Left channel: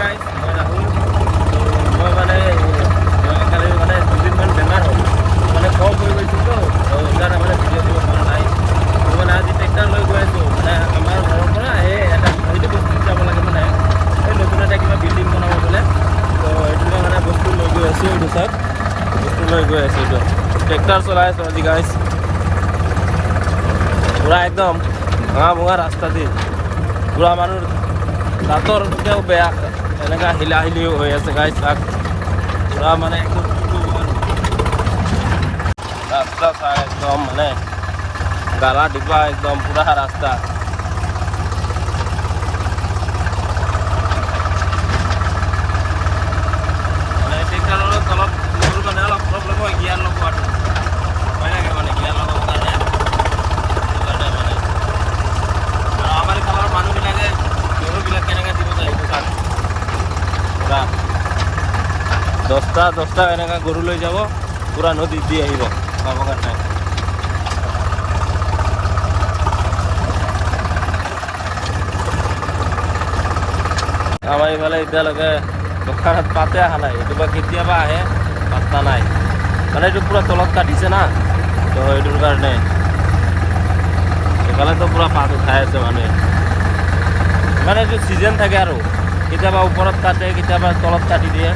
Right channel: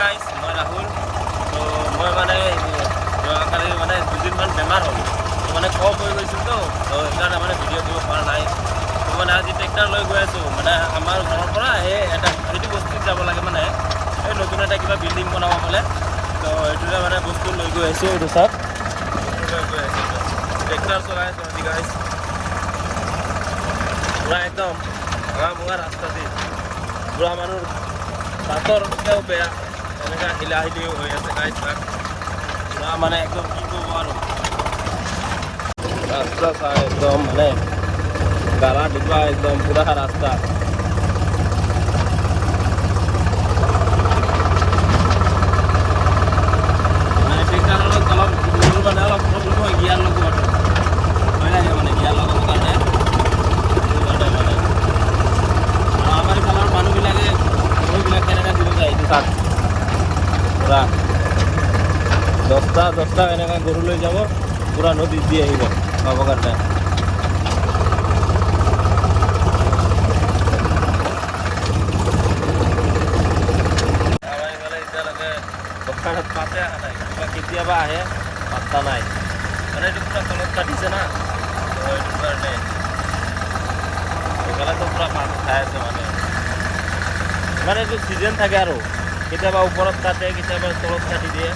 Guys, মই ৰাহুল। তো মই মানে যোৱাকালি মানে দুদিনমান বেমাৰ হ'ল, মানে কম হৈ গৈছিলতো, সেইকাৰণে মানে ভিডিঅ' দিব পৰা নাই। তো মানে আজি ট্ৰেক্টৰ লৈ গৈ আছোঁ, মানে আমাৰ ঘৰৰ পৰা এই এটা সেইটো বস্তুত যাব লাগে, মানে এই নতুন এটা কিবা বিল্ডিং বনাব বোলে। তো এইটোলৈ মানে বস্তু লৈ গৈ আছোঁ, এইটো চাওক বস্তু লৈ গৈ আছোঁ। এইটো ট্ৰেক্টৰ চলাই আছোঁ আজি গাইজ, পুৰা একদম ভঙা ৰাস্তা দি পুৰা মানুহ ৰাস্তাও বেয়া, এনেকা হিলি হৈ আছে গাইজ। তাক পুৰা মানে একদম ৰাস্তা চাই একদম মানে গালা দিবা একদম পুৰা ৰাস্তা। মানে ট্ৰেক্টৰৰ অলপ মানে অলপ জ্ঞান লগোৱাটো হয় লাগে, মানে জ্ঞান লগাবৰ কাৰণে। আমাৰ গাঁৱৰ মানুহবিলাকে গৰুবিলাক কেনেকৈ দিব যায় এইটো চাওক, পুৰা দহটা এনেকৈ গৰু লৈ যাব, পুৰা নদীত দি আহিব খাবৰ কাৰণে। আমাৰ এইফালে এতিয়ালৈকে পাতে অহা নাই, এইটো কেতিয়াবা আহে নাই, মানে এইটো পুৰা তলত কাটিছে না, তো এইটোৰ কাৰণে কালেতো পুৰা পাত উঠাই আছে মানুহে। মানে এইটো ছিজন থাকে আৰু কেতিয়াবা ওপৰত কাটে, কেতিয়াবা তলত কাটি দিয়ে।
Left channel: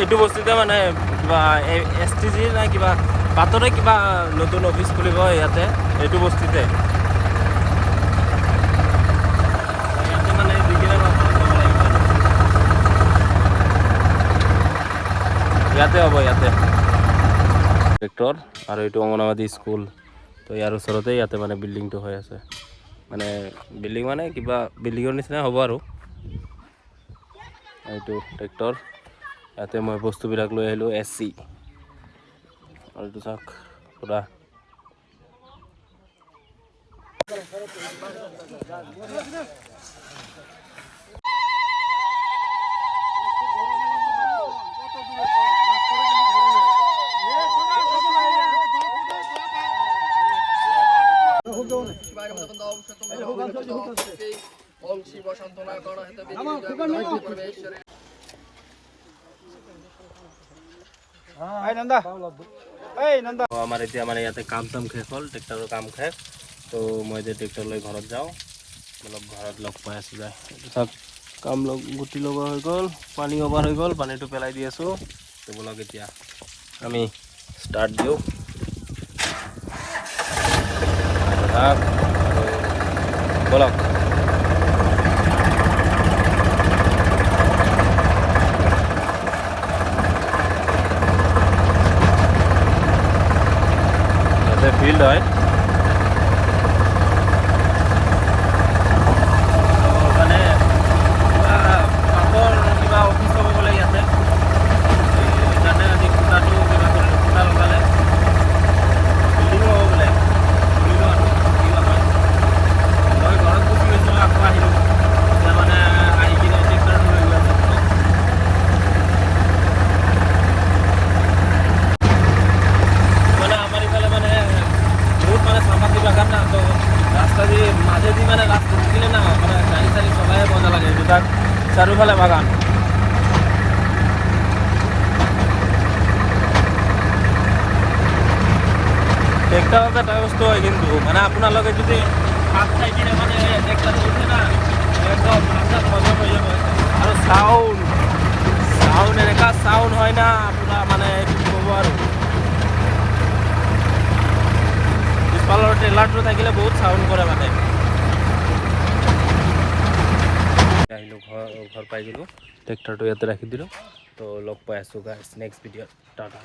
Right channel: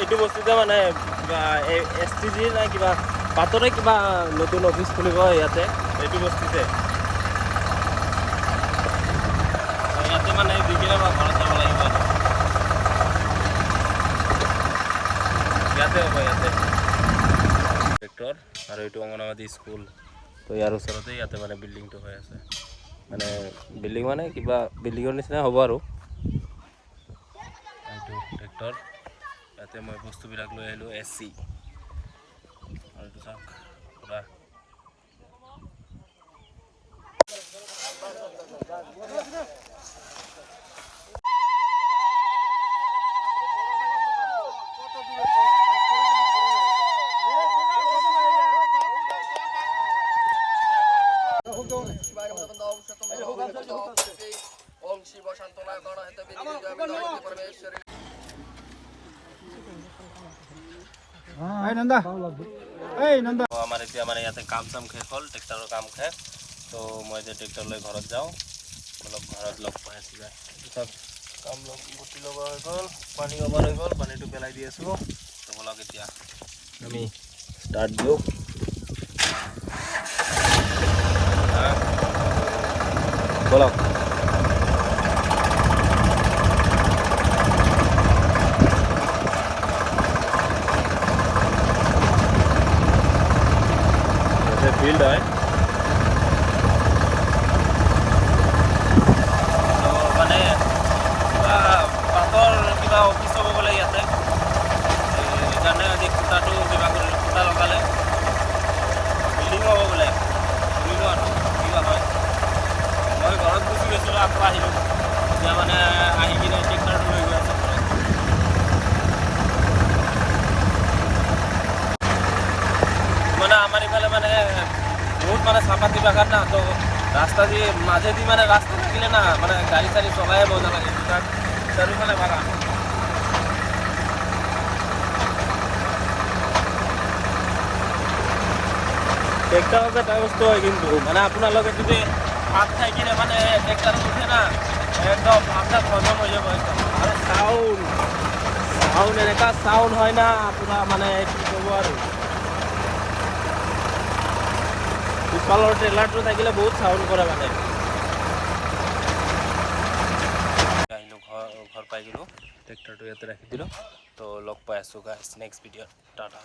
এইটো বস্তুতে মানে STG নাই কিবা বাটৰে কিবা নতুন অফিচ খুলিব ইয়াতে, এইটো বস্তুতে মানে যিবিলাক বাটৰে যাব লাগিব, ইয়াতে হ'ব, ইয়াতে ট্ৰেক্টৰ। আৰু এইটো অংগনবাদী স্কুল, তো ইয়াৰ ওচৰতে ইয়াতে মানে বিল্ডিংটো হৈ আছে, মানে বিল্ডিং মানে কিবা বিল্ডিঙৰ নিচিনা হ'ব আৰু। এইটো ট্ৰেক্টৰ, ইয়াতে মই বস্তুবিলাক লৈ আহিলোঁ AC, আৰু এইটো চাওক পুৰা আমাৰ এতিয়া মানে ইয়াতে কাম চাম শেষ হ'ল, ট্ৰেক্টৰৰ কাম শেষ। তো মই যে ট্ৰেক্টৰ লৈ ঘৰত যাওঁ, অলপ ঘৰত লগ পাই আছোঁ যায়। তাত কাম গুটি লগোৱা হৈ গ'ল, পানী অভাৰ হৈ গ'ল, পানীটো পেলাই দি আছোঁ। তো বলক এতিয়া আমি ষ্টাৰ্ট দিওঁ। মাজেদি মানে ৰাস্তা দিলে না, মানে গাড়ি চাড়ি চলাই মজা লাগে, দুটাক চাৰিওফালে বাগান। মানে আপোনালোকে যদি ভাত খাই কিনে মানে একটা উঠে না, একদম মাথা খরচা হয়ে যাবে। আৰু চাও যেনেকা চাউন হয় না, পুৰা মানে কি ক'ব আৰু ট্ৰেইলাৰটো থাকিলে বহুত চাউন কৰা লাগে। আহিলোঁ ঘৰ পাই গ'লোঁ, ট্ৰেক্টৰটো ইয়াতে ৰাখি দিলোঁ। তো লগ পাই আছোঁ গাইছ নেক্সট ভিডিঅ'ত, টাটা।